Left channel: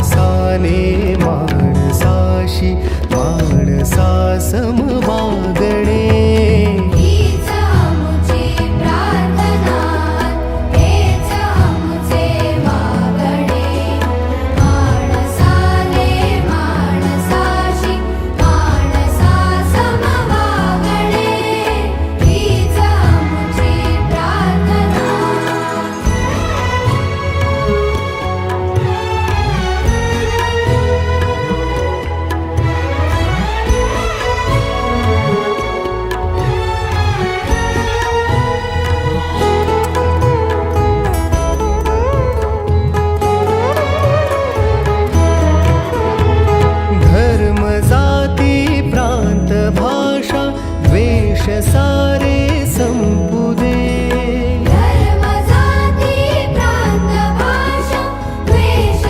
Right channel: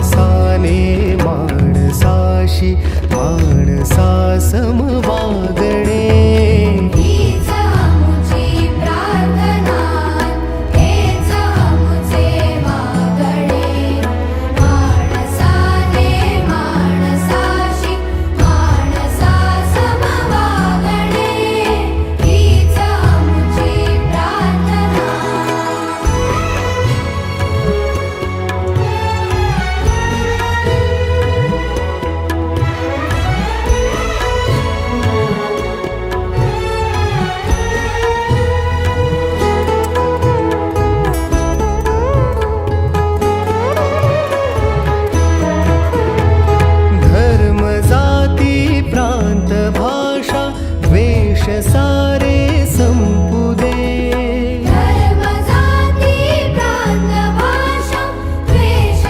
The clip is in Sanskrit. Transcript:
माणसाने माणसाशी माणसा समवागणे भाषा द्वेष सारे संपुद